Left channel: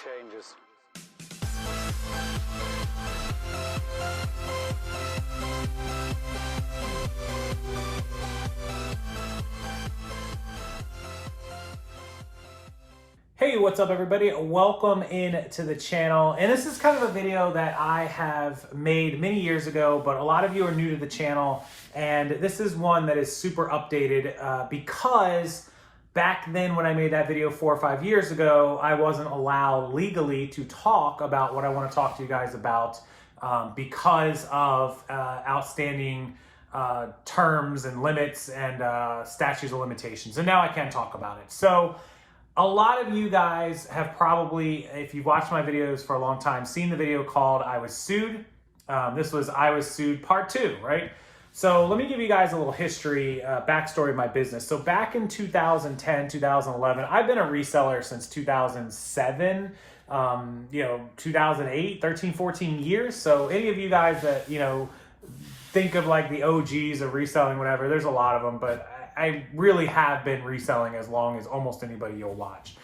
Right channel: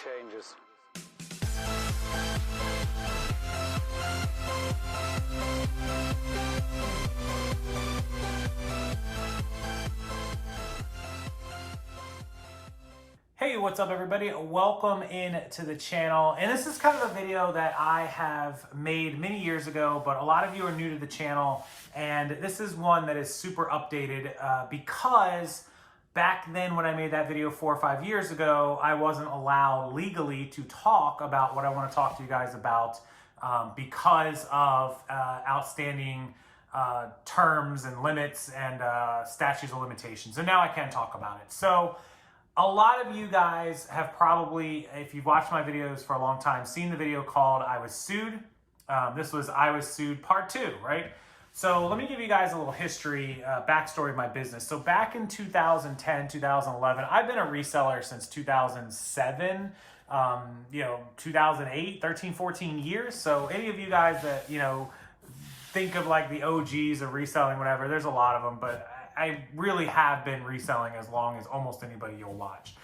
changes. Hey, what's up everybody? Welcome in to the channel. And this is kind of a video that I have made many years ago, but a lot of you are new to the channel. And this is one that is super updated because back then when I made that video 4 or 5 years ago, I wasn't allowed legally to talk about what I want to talk to you guys about because of outstanding terms and limits and statutes of limitations. And now I can talk about it. So a lot of you guys have probably, if you've watched my videos for a long time, seen the video called I Was Sued. This was I Was Sued Part 2, right? So let me give you guys a little history, backstory of my business. So back in 2010, 2011, I've been a reseller since 2007, 2008, 13, 14 years. So any of you guys that, think of like the OGs of reselling, whatever, there's a lot of them, but I really have been reselling as long as almost anybody you'll watch,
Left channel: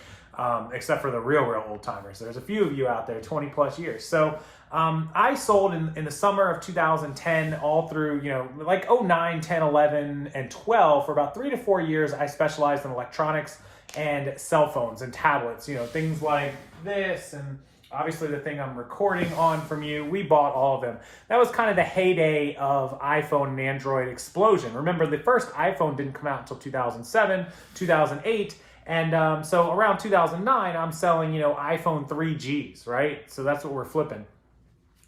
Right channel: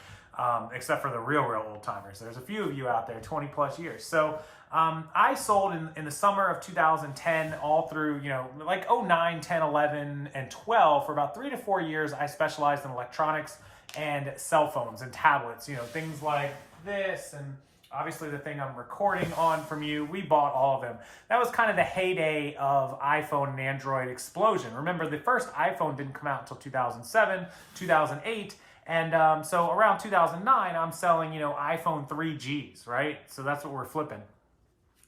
except for the real old timers. There's a few of you out there, 20 plus years. So I sold in the summer of 2010 all through, like 09, 10, 11, and 12. For about 3 to 4 years, I specialized in electronics and cell phones and tablets, things like this and obviously the thing I'm recording on from you. We bought all of them. That was kind of the heyday of iPhone and Android explosion. Remember, the first iPhone didn't come out until 2007, 2008. And so around 2009, I'm selling, iPhone 3Gs, right? So that's what we're flipping.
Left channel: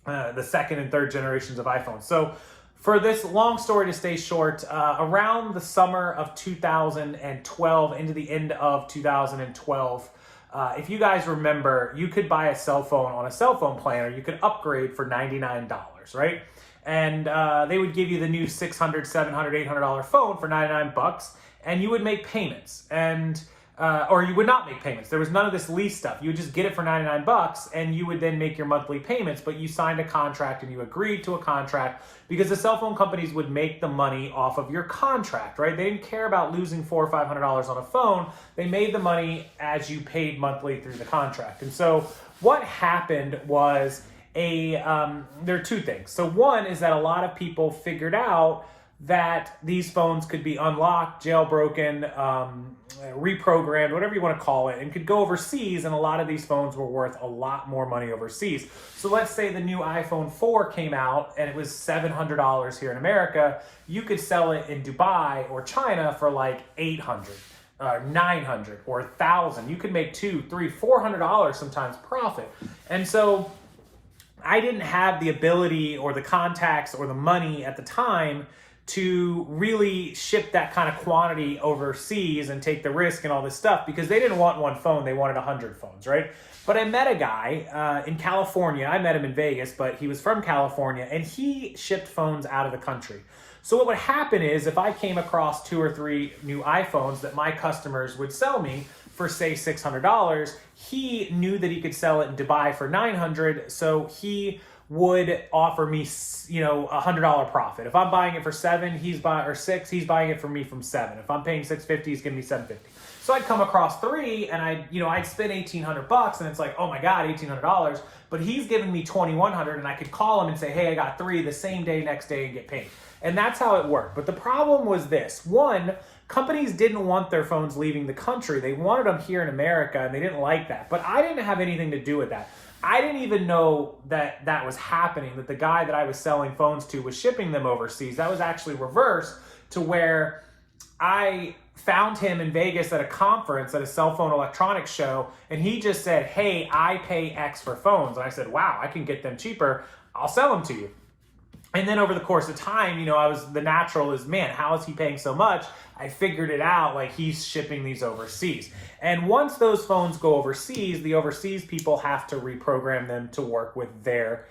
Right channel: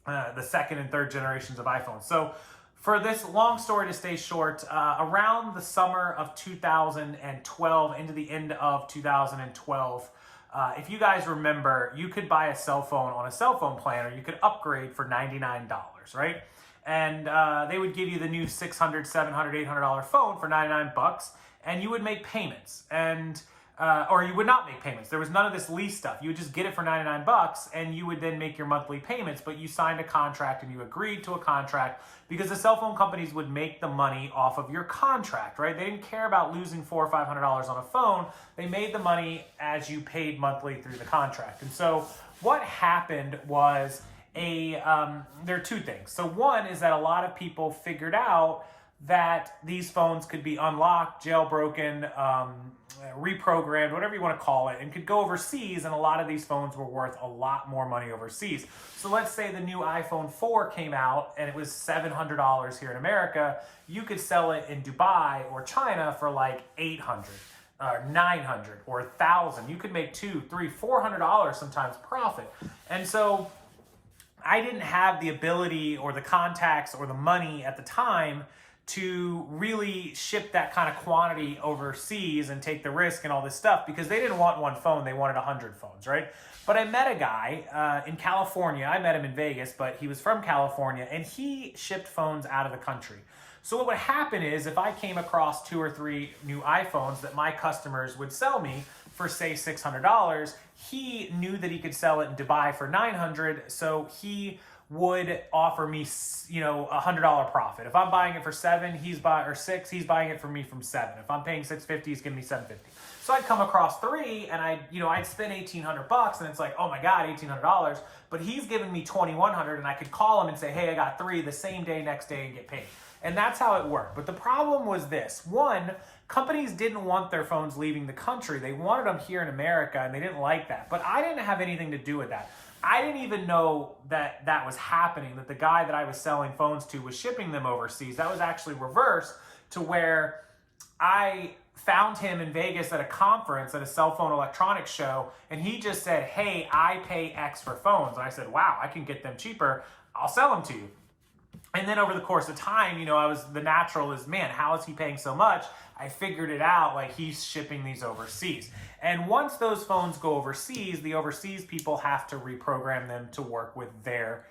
The second and third generations of iPhones. So for this long story to stay short, around the summer of 2012 into the end of 2012, if you guys remember, you could buy a cell phone on a cell phone plan, or you could upgrade for $99, right? And they would give you the new $600, $700, $800 phone for 99 bucks, and you would make payments, and or you would not make payments. There was none of this lease stuff. You would just get it for 99 bucks, and you would then make your monthly payments, but you signed a contract and you agreed to a contract because the cell phone companies would make the money off of your contract, right? They didn't care about losing $400 or $500 on a phone. They made the money as you paid monthly through the contract. And so what happened was there are two things. So one is that a lot of people figured out that these phones could be unlocked, jailbroken, reprogrammed, whatever you want to call it, and could go overseas, and a lot of these phones were worth a lot more money overseas. So let's say the new iPhone 4 came out and it was $700 here in America. You could sell it in Dubai or China for like $800, $900, or $1,000. You could make $200, $300, $400 sometimes profit. And so I didn't have the ability or the contacts or the money at the time to really ship that kind of quantity overseas and take the risk and all this stuff, because they didn't want one phone, they wanted 100 phones, right? But I met a guy in California. I met him in Vegas, but he was from California, and he shipped phones out of the country. So what would happen is if I came across 2 or 3 new iPhones that my customers would sell me for, say, $600, he knew that he could sell it in Dubai for $900, so he would offer me, $100 profit. If I'm buying it for $7, he's buying it for me from $7. If I'm paying $650, he's giving me $750. So I'd come across 3, and I'd spend $1,800, and it's like, oh my God, $1,800. But he's giving me $2,100, and I could call him and say, hey, I got 3 the same day, next day, and get paid. And that's how it worked. But the problem was this: one, companies didn't want their phones leaving the country. They wanted them here in America, and they didn't like that. But I didn't have anything to do with that. I didn't even know that that was happening, that the guy that I was selling phones to was shipping them overseas. That was actually reversed, to where I found him in Vegas at a conference, at a cell phone electronics show, and he just said, hey, I pay X for phones. And I said, wow, I can get them cheaper. I'll sell them to you. And then over the course of time, the natural is, man, how is he paying so much? I figured it out, like he's shipping these overseas. And once those phones go overseas, the overseas people have to reprogram them to work with their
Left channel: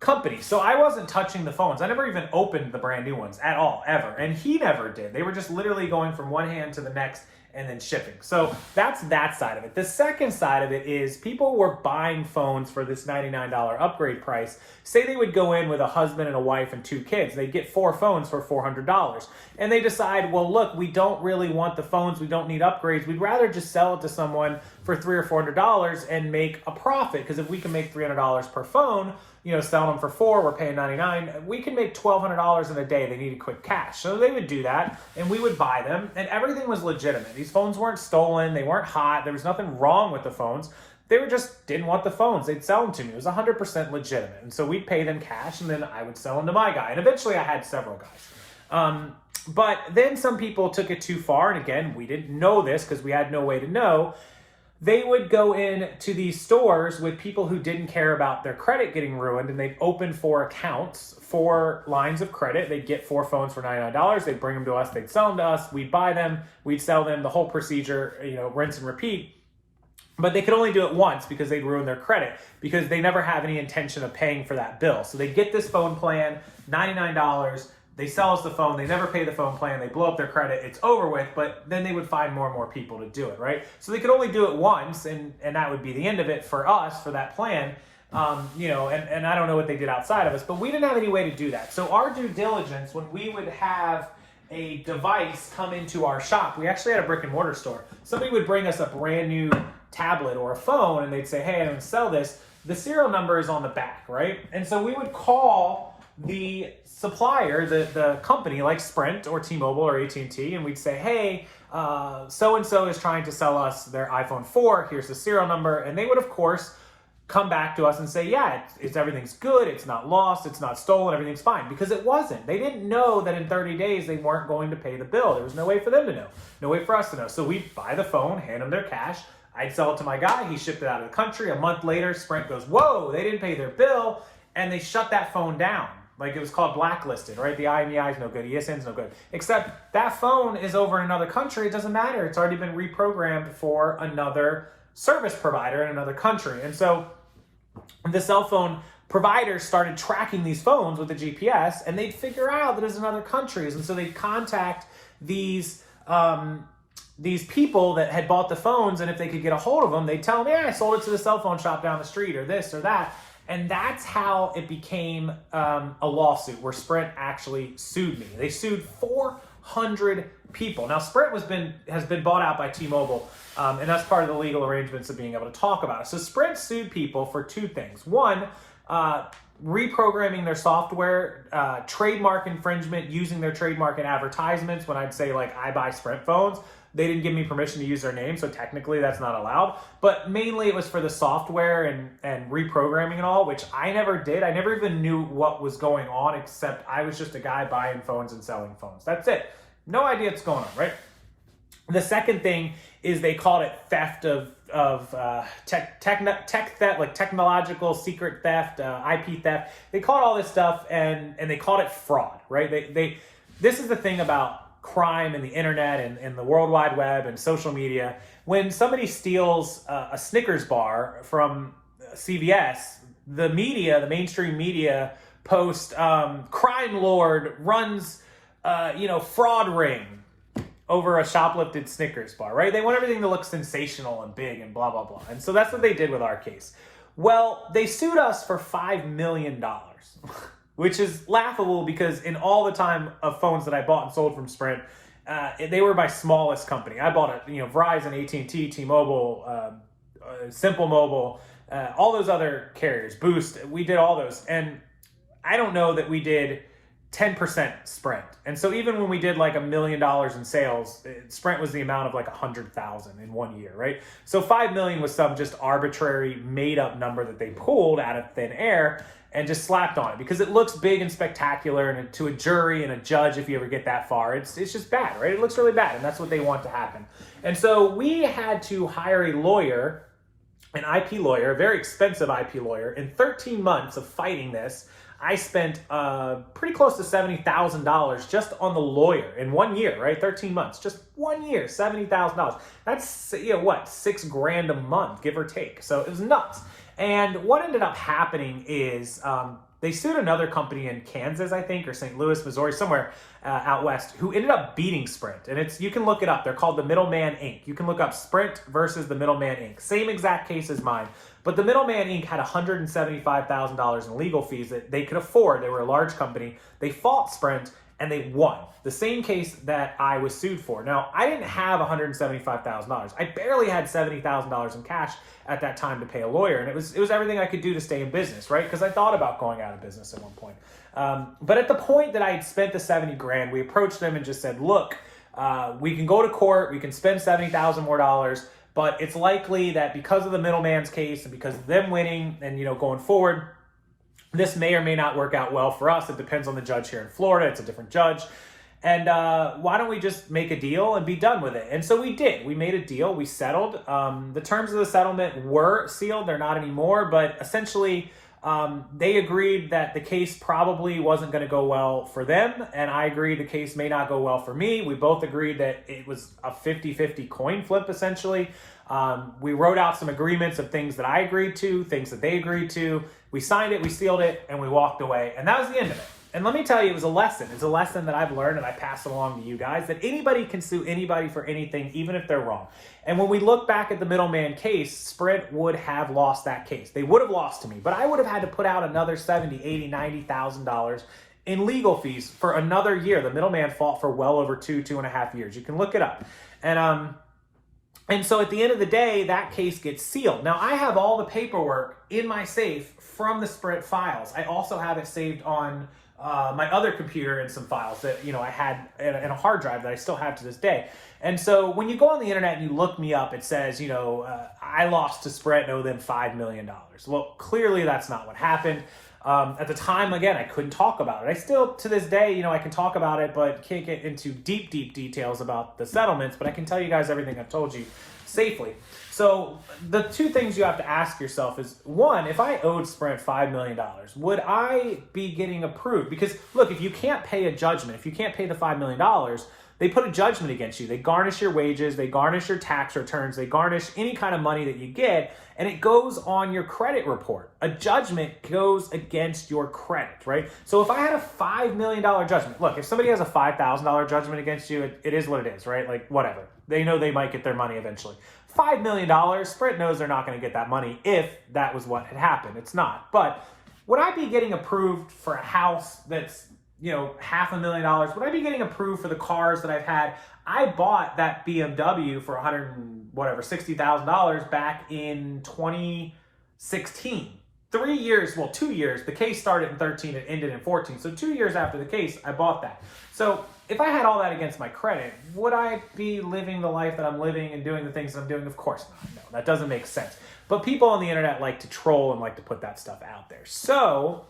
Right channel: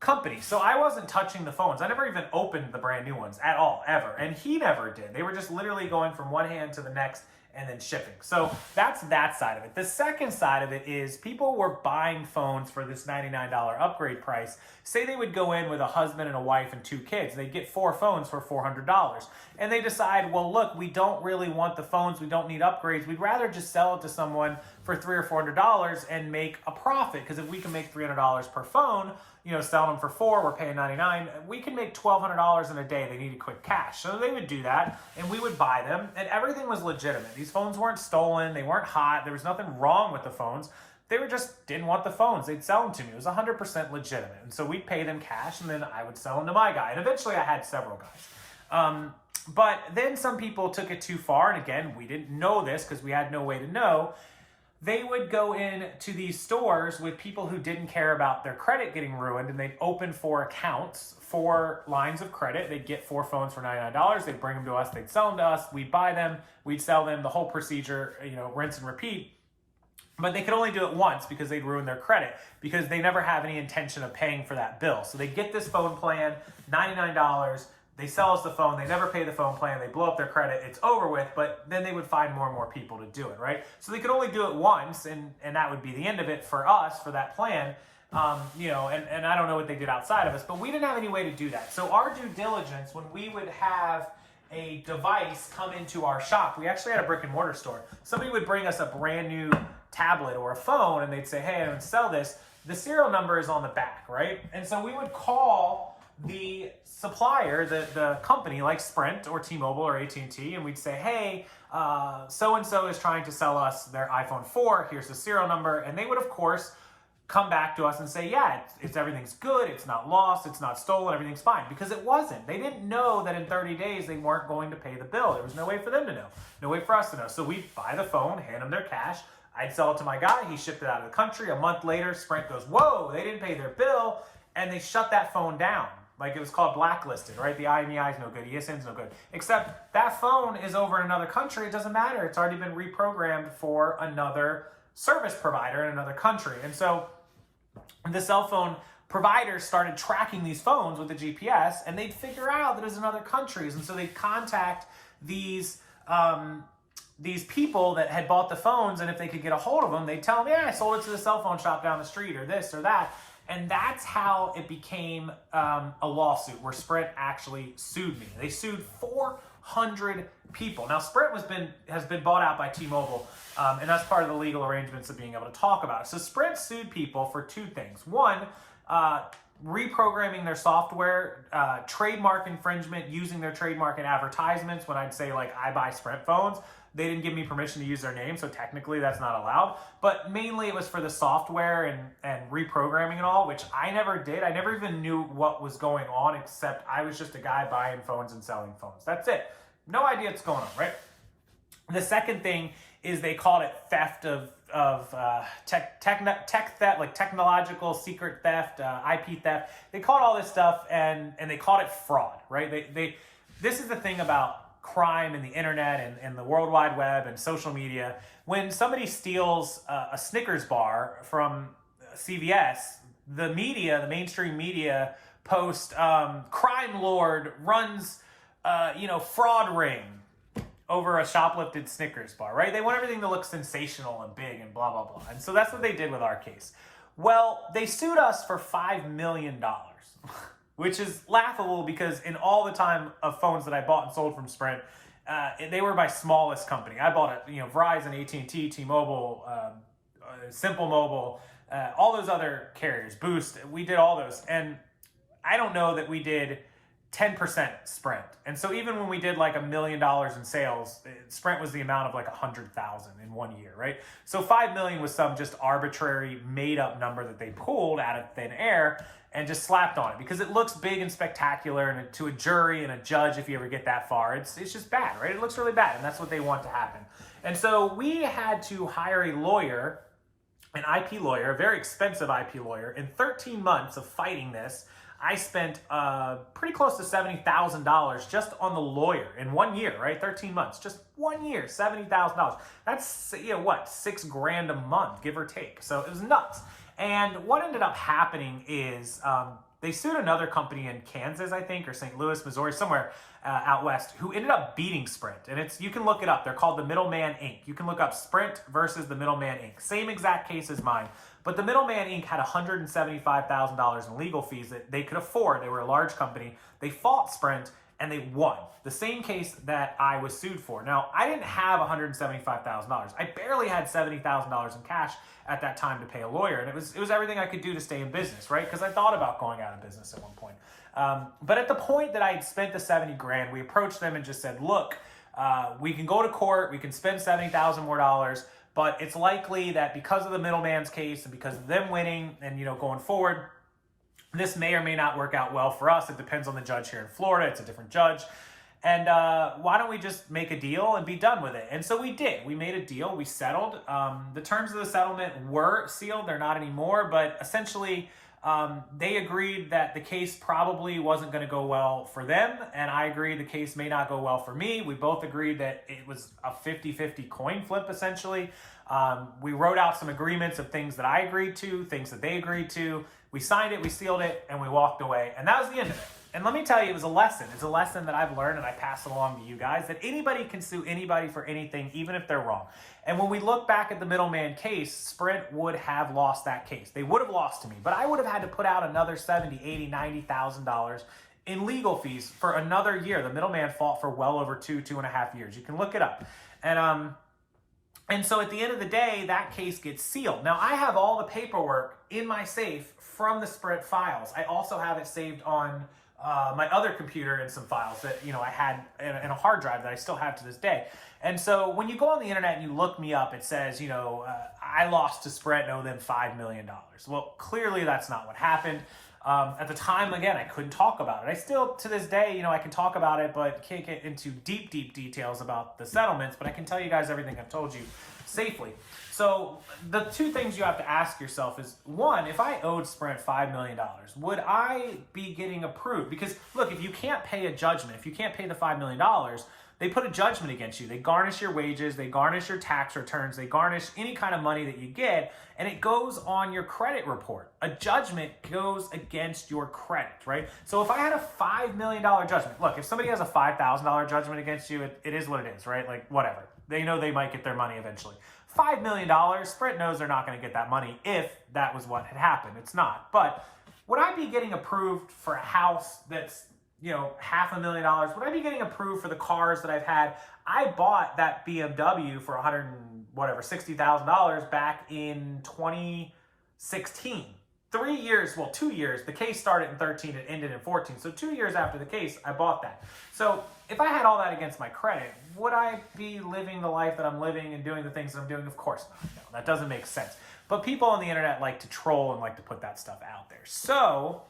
company. So I wasn't touching the phones. I never even opened the brand new ones at all, ever. And he never did. They were just literally going from one hand to the next and then shipping. So that's that side of it. The second side of it is people were buying phones for this $99 upgrade price. Say they would go in with a husband and a wife and 2 kids. They'd get 4 phones for $400. And they decide, well, look, we don't really want the phones. We don't need upgrades. We'd rather just sell it to someone for for $300 or $400 and make a profit. Because if we can make $300 per phone, you know, selling them for $4, we're paying $99. We can make $1,200 in a day. They needed quick cash. So they would do that, and we would buy them, and everything was legitimate. These phones weren't stolen. They weren't hot. There was nothing wrong with the phones. They were just didn't want the phones. They'd sell them to me. It was 100% legitimate. And so we'd pay them cash, and then I would sell them to my guy. And eventually I had several guys. But then some people took it too far. And again, we didn't know this because we had no way to know. They would go in to these stores with people who didn't care about their credit getting ruined, and they'd open 4 accounts, 4 lines of credit. They'd get 4 phones for $99. They'd bring them to us. They'd sell them to us. We'd buy them. We'd sell them. The whole procedure, you know, rinse and repeat. But they could only do it once because they'd ruin their credit, because they never have any intention of paying for that bill. So they get this phone plan, $99. They sell us the phone. They never pay the phone plan. They blow up their credit. It's over with, but then they would find more and more people to do it, right? So they could only do it once, and that would be the end of it for us, for that plan. You know, and I don't know what they did outside of us, but we didn't have any way to do that. So our due diligence, when we would have a device come into our shop, we actually had a brick and mortar store. Somebody would bring us a brand new tablet or a phone, and they'd say, hey, I'm going to sell this. The serial number is on the back, right? And so we would call the supplier, the company like Sprint or T-Mobile or AT&T, and we'd say, hey, so-and-so is trying to sell us their iPhone 4. Here's the serial number. And they would, of course, come back to us and say, yeah, it's everything's good. It's not lost. It's not stolen. Everything's fine. Because it wasn't. They didn't know that in 30 days they weren't going to pay the bill. There was no way for them to know. No way for us to know. So we'd buy the phone, hand them their cash. I'd sell it to my guy. He shipped it out of the country. A month later, Sprint goes, whoa, they didn't pay their bill. And they shut that phone down. Like, it was called blacklisted, right? The IMEI is no good. ESN's no good. Except that phone is over in another country. It doesn't matter. It's already been reprogrammed for another service provider in another country. And so the cell phone providers started tracking these phones with the GPS, and they'd figure out that it's in other countries. And so they'd contact these people that had bought the phones, and if they could get a hold of them, they'd tell them, yeah, I sold it to the cell phone shop down the street, or this or that. And that's how it became a lawsuit where Sprint actually sued me. They sued 400 people. Now, Sprint has been bought out by T-Mobile, and that's part of the legal arrangements of being able to talk about it. So Sprint sued people for 2 things. One, reprogramming their software, trademark infringement, using their trademark in advertisements. When I'd say, like, I buy Sprint phones, they didn't give me permission to use their name, so technically that's not allowed. But mainly it was for the software and reprogramming and all, which I never did. I never even knew what was going on, except I was just a guy buying phones and selling phones. That's it. No idea what's going on, right? The second thing is they called it theft of tech theft, like technological secret theft, IP theft. They called all this stuff, and they called it fraud, right? This is the thing about crime and the internet and the World Wide Web and social media. When somebody steals a Snickers bar from CVS, the media, the mainstream media, post crime lord runs fraud ring over a shoplifted Snickers bar, right? They want everything to look sensational and big and blah, blah, blah. And so that's what they did with our case. Well, they sued us for $5 million, which is laughable because in all the time of phones that I bought and sold from Sprint, they were my smallest company. I bought it, Verizon, AT&T, T-Mobile, Simple Mobile, all those other carriers, Boost. We did all those. And I don't know that we did 10% Sprint. And so even when we did like $1 million in sales, Sprint was the amount of like 100,000 in 1 year, right? So 5 million was some just arbitrary made up number that they pulled out of thin air and just slapped on it because it looks big and spectacular, and to a jury and a judge, if you ever get that far, it's just bad, right? It looks really bad, and that's what they want to happen. And so we had to hire a lawyer, an IP lawyer, a very expensive IP lawyer. In 13 months of fighting this, I spent pretty close to $70,000 just on the lawyer in 1 year, right? 13 months, just 1 year, $70,000. That's, $6,000 a month, give or take. So it was nuts. And what ended up happening is they sued another company in Kansas, I think, or St. Louis, Missouri, somewhere out west, who ended up beating Sprint. And you can look it up. They're called the Middleman Inc. You can look up Sprint versus the Middleman Inc. Same exact case as mine. But the Middleman Inc. had $175,000 in legal fees that they could afford. They were a large company. They fought Sprint, and they won. The same case that I was sued for. Now, I didn't have $175,000. I barely had $70,000 in cash at that time to pay a lawyer, and it was everything I could do to stay in business, right? Because I thought about going out of business at one point. But at the point that I had spent the 70 grand, we approached them and just said, look, we can go to court, we can spend $70,000 more dollars, but it's likely that because of the middleman's case and because of them winning and, you know, going forward, this may or may not work out well for us. It depends on the judge here in Florida. It's a different judge. And why don't we just make a deal and be done with it? And so we did. We made a deal. We settled. The terms of the settlement were sealed. They're not anymore. But essentially, they agreed that the case probably wasn't going to go well for them. And I agreed the case may not go well for me. We both agreed that it was a 50-50 coin flip, essentially. We wrote out some agreements of things that I agreed to, things that they agreed to. We signed it, we sealed it, and we walked away. And that was the end of it. And let me tell you, it was a lesson. It's a lesson that I've learned and I pass it along to you guys, that anybody can sue anybody for anything, even if they're wrong. And when we look back at the middleman case, Sprint would have lost that case. They would have lost to me, but I would have had to put out another $70,000, $80,000, $90,000 in legal fees for another year. The middleman fought for well over 2.5 years. You can look it up. And so at the end of the day, that case gets sealed. Now, I have all the paperwork in my safe from the Sprint files. I also have it saved on my other computer and some files that, you know, I had in a hard drive that I still have to this day. And so when you go on the internet and you look me up, it says, you know, I lost to Sprint and owe them $5 million. Well, clearly that's not what happened. At the time, again, I couldn't talk about it. I still, to this day, you know, I can talk about it, but can't get into deep details about the settlements, but I can tell you guys everything I've told you safely. So the two things you have to ask yourself is, one, if I owed Sprint $5 million, would I be getting approved? Because look, if you can't pay a judgment, if you can't pay the $5 million, they put a judgment against you. They garnish your wages, they garnish your tax returns, they garnish any kind of money that you get, and it goes on your credit report. A judgment goes against your credit, right? So if I had a $5 million judgment, look, if somebody has a $5,000 judgment against you, it is what it is, right? Like, whatever. They know they might get their money eventually. $5 million, Sprint knows they're not going to get that money if that was what had happened. It's not. But would I be getting approved for a house that's, you know, $500,000? Would I be getting approved for the cars that I've had? I bought that BMW for $60,000 back in 2016. 3 years, well, 2 years. The case started in 13 and ended in 14. So 2 years after the case, I bought that. So if I had all that against my credit, would I be living the life that I'm living and doing the things that I'm doing? Of course not. No, that doesn't make sense. But people on the internet like to troll and like to put that stuff out there. So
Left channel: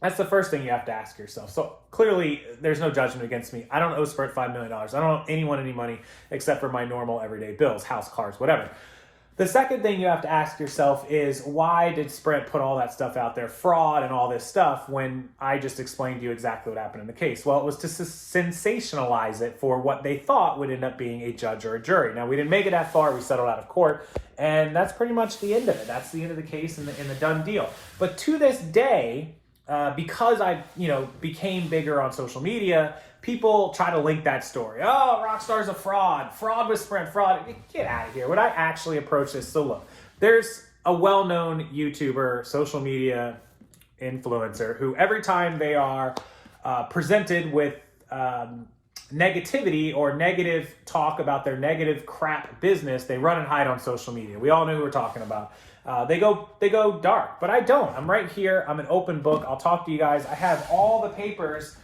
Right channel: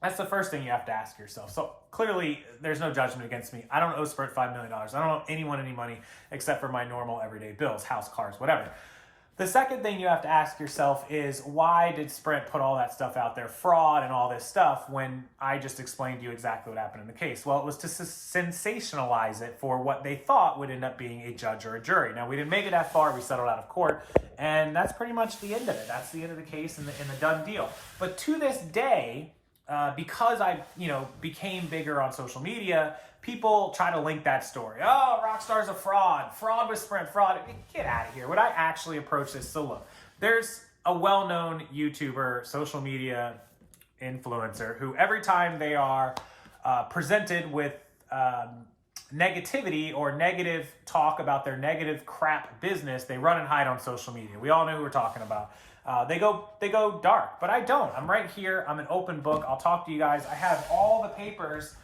that's the first thing you have to ask yourself. So clearly, there's no judgment against me. I don't owe Sprint $5 million. I don't owe anyone any money except for my normal everyday bills, house, cars, whatever. The second thing you have to ask yourself is, why did Sprint put all that stuff out there, fraud and all this stuff, when I just explained to you exactly what happened in the case? Well, it was to sensationalize it for what they thought would end up being a judge or a jury. Now, we didn't make it that far. We settled out of court, and that's pretty much the end of it. That's the end of the case and the done deal. But to this day, because I, you know, became bigger on social media, people try to link that story. Oh, Rockstar's a fraud. Fraud with Sprint. Fraud. Get out of here. Would I actually approach this? So look, there's a well-known YouTuber, social media influencer, who every time they are presented with negativity or negative talk about their negative crap business, they run and hide on social media. We all know who we're talking about. They go dark, but I don't. I'm right here. I'm an open book. I'll talk to you guys. I have all the papers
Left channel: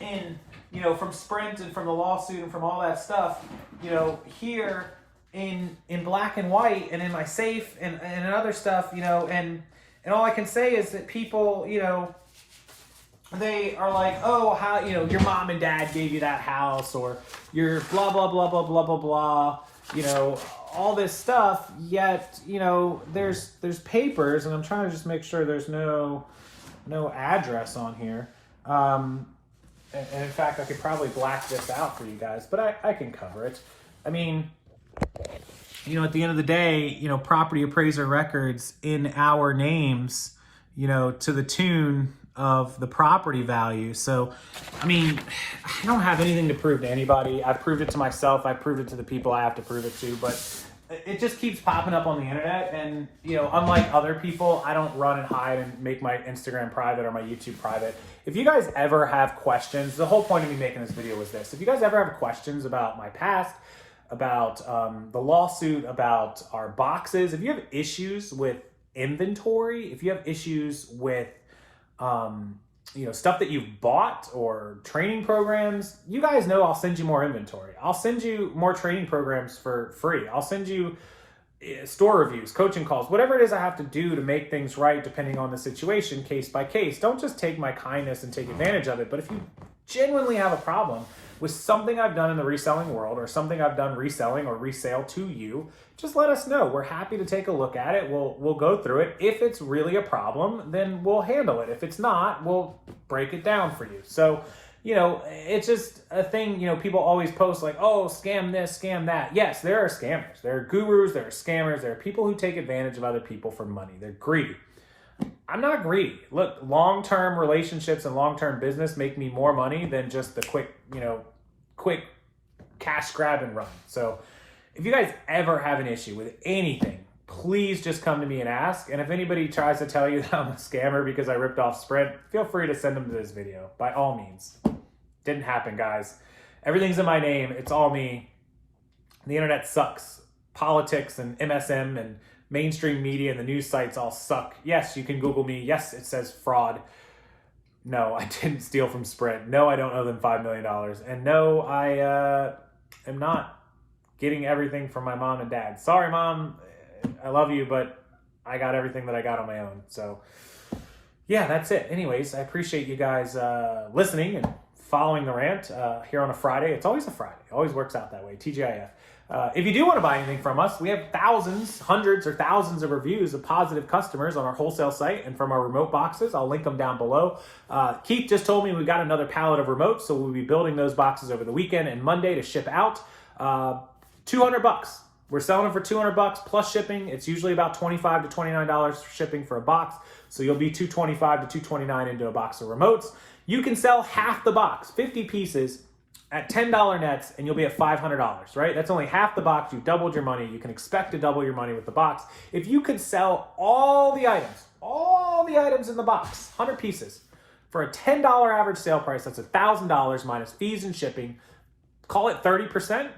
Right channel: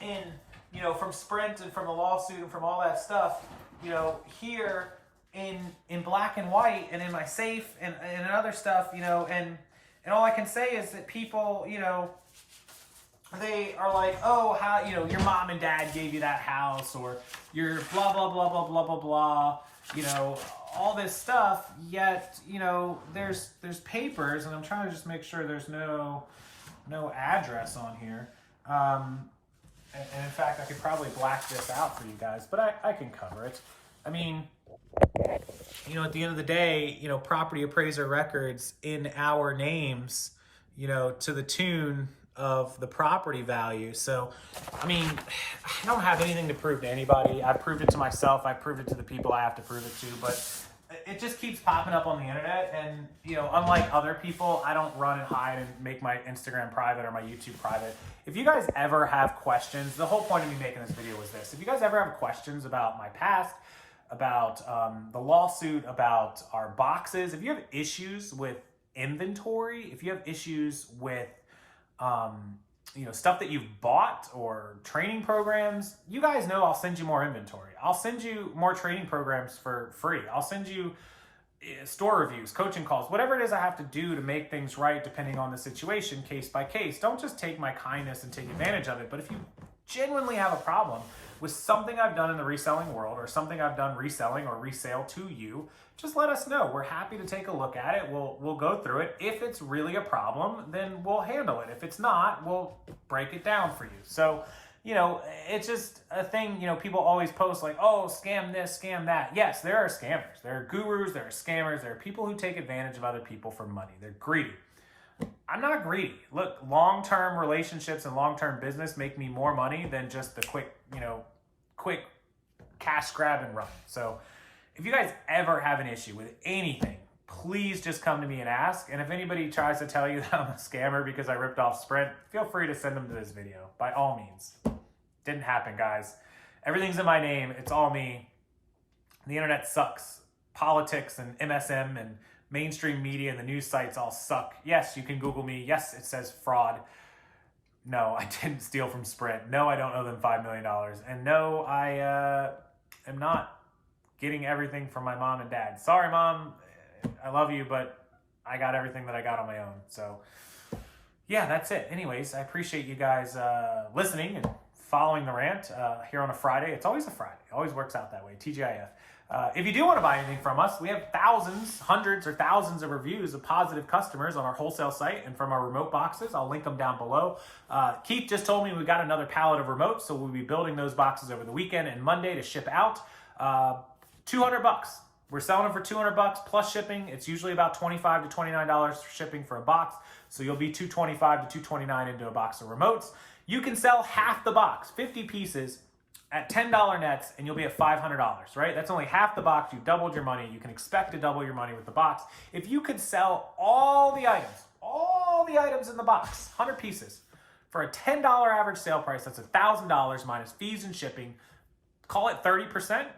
in, you know, from Sprint and from the lawsuit and from all that stuff, you know, here in black and white and in my safe and other stuff, you know, and all I can say is that people, you know, they are like, oh, how, you know, your mom and dad gave you that house, or your blah, blah, blah, blah, blah, blah, blah, you know, all this stuff. Yet, you know, there's papers, and I'm trying to just make sure there's no address on here. And in fact, I could probably black this out for you guys, but I can cover it. I mean, you know, at the end of the day, you know, property appraiser records in our names, you know, to the tune of the property value. So, I mean, I don't have anything to prove to anybody. I've proved it to myself. I've proved it to the people I have to prove it to. But it just keeps popping up on the internet. And, you know, unlike other people, I don't run and hide and make my Instagram private or my YouTube private. If you guys ever have questions, the whole point of me making this video was this. If you guys ever have questions about my past, about the lawsuit, about our boxes, if you have issues with inventory, if you have issues with, you know, stuff that you've bought or training programs, you guys know I'll send you more inventory. I'll send you more training programs for free. I'll send you store reviews, coaching calls, whatever it is I have to do to make things right depending on the situation, case by case. Don't just take my kindness and take advantage of it. But if you genuinely have a problem with something I've done in the reselling world or something I've done reselling or resale to you, just let us know. We're happy to take a look at it. We'll go through it. If it's really a problem, then we'll handle it. If it's not, we'll break it down for you. So, you know, it's just a thing, you know, people always post like, oh, scam this, scam that. Yes, there are scammers. There are gurus, there are scammers, there are people who take advantage of other people for money. They're greedy. I'm not greedy. Look, long-term relationships and long-term business make me more money than just the quick cash grab and run. So if you guys ever have an issue with anything, please just come to me and ask. And if anybody tries to tell you that I'm a scammer because I ripped off Sprint, feel free to send them to this video, by all means. Didn't happen, guys. Everything's in my name. It's all me. The internet sucks. Politics and MSM and mainstream media and the news sites all suck. Yes, you can Google me. Yes, it says fraud. No, I didn't steal from Sprint. No, I don't owe them $5 million. And no, I am not getting everything from my mom and dad. Sorry, Mom. I love you, but I got everything that I got on my own. So, yeah, that's it. Anyways, I appreciate you guys listening and following the rant here on a Friday. It's always a Friday. It always works out that way. TGIF. If you do want to buy anything from us, we have hundreds or thousands of reviews of positive customers on our wholesale site and from our remote boxes. I'll link them down below. Keith just told me we got another pallet of remotes, so we'll be building those boxes over the weekend and Monday to ship out. $200. We're selling them for $200 plus shipping. It's usually about $25 to $29 for shipping for a box. So you'll be $225 to $229 into a box of remotes. You can sell half the box, 50 pieces, at $10 nets, and you'll be at $500, right? That's only half the box. You've doubled your money. You can expect to double your money with the box. If you could sell all the items in the box, 100 pieces, for a $10 average sale price, that's $1,000 minus fees and shipping. Call it 30%,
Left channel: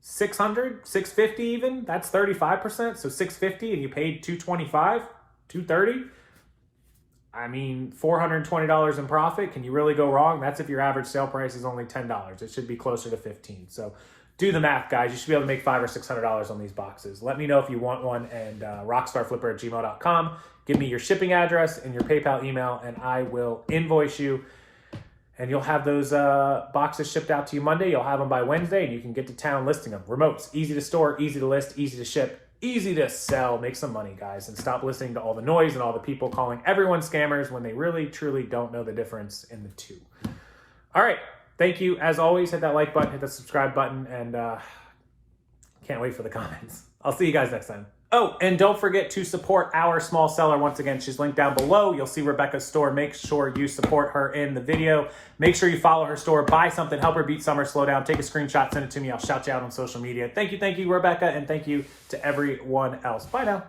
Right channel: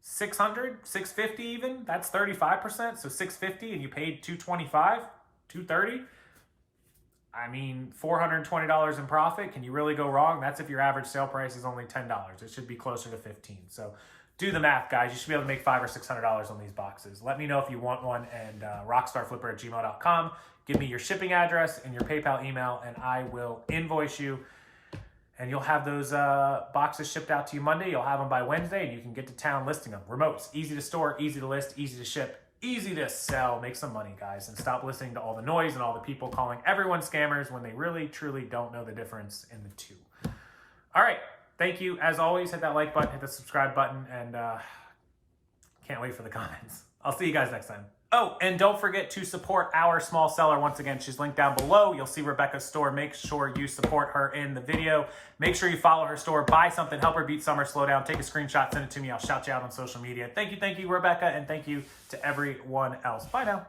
600, 650 even. That's 35%. So 650, and you paid 225, 230. I mean, $420 in profit. Can you really go wrong? That's if your average sale price is only $10. It should be closer to $15. So do the math, guys. You should be able to make $500 or $600 on these boxes. Let me know if you want one, and rockstarflipper@gmail.com. Give me your shipping address and your PayPal email, and I will invoice you. And you'll have those boxes shipped out to you Monday. You'll have them by Wednesday, and you can get to town listing them. Remotes, easy to store, easy to list, easy to ship, easy to sell. Make some money, guys, and stop listening to all the noise and all the people calling everyone scammers when they really, truly don't know the difference in the two. All right. Thank you. As always, hit that like button, hit the subscribe button, and can't wait for the comments. I'll see you guys next time. Oh, and don't forget to support our small seller. Once again, she's linked down below. You'll see Rebecca's store. Make sure you support her in the video. Make sure you follow her store. Buy something. Help her beat summer. Slow down. Take a screenshot. Send it to me. I'll shout you out on social media. Thank you, Rebecca, and thank you to everyone else. Bye now.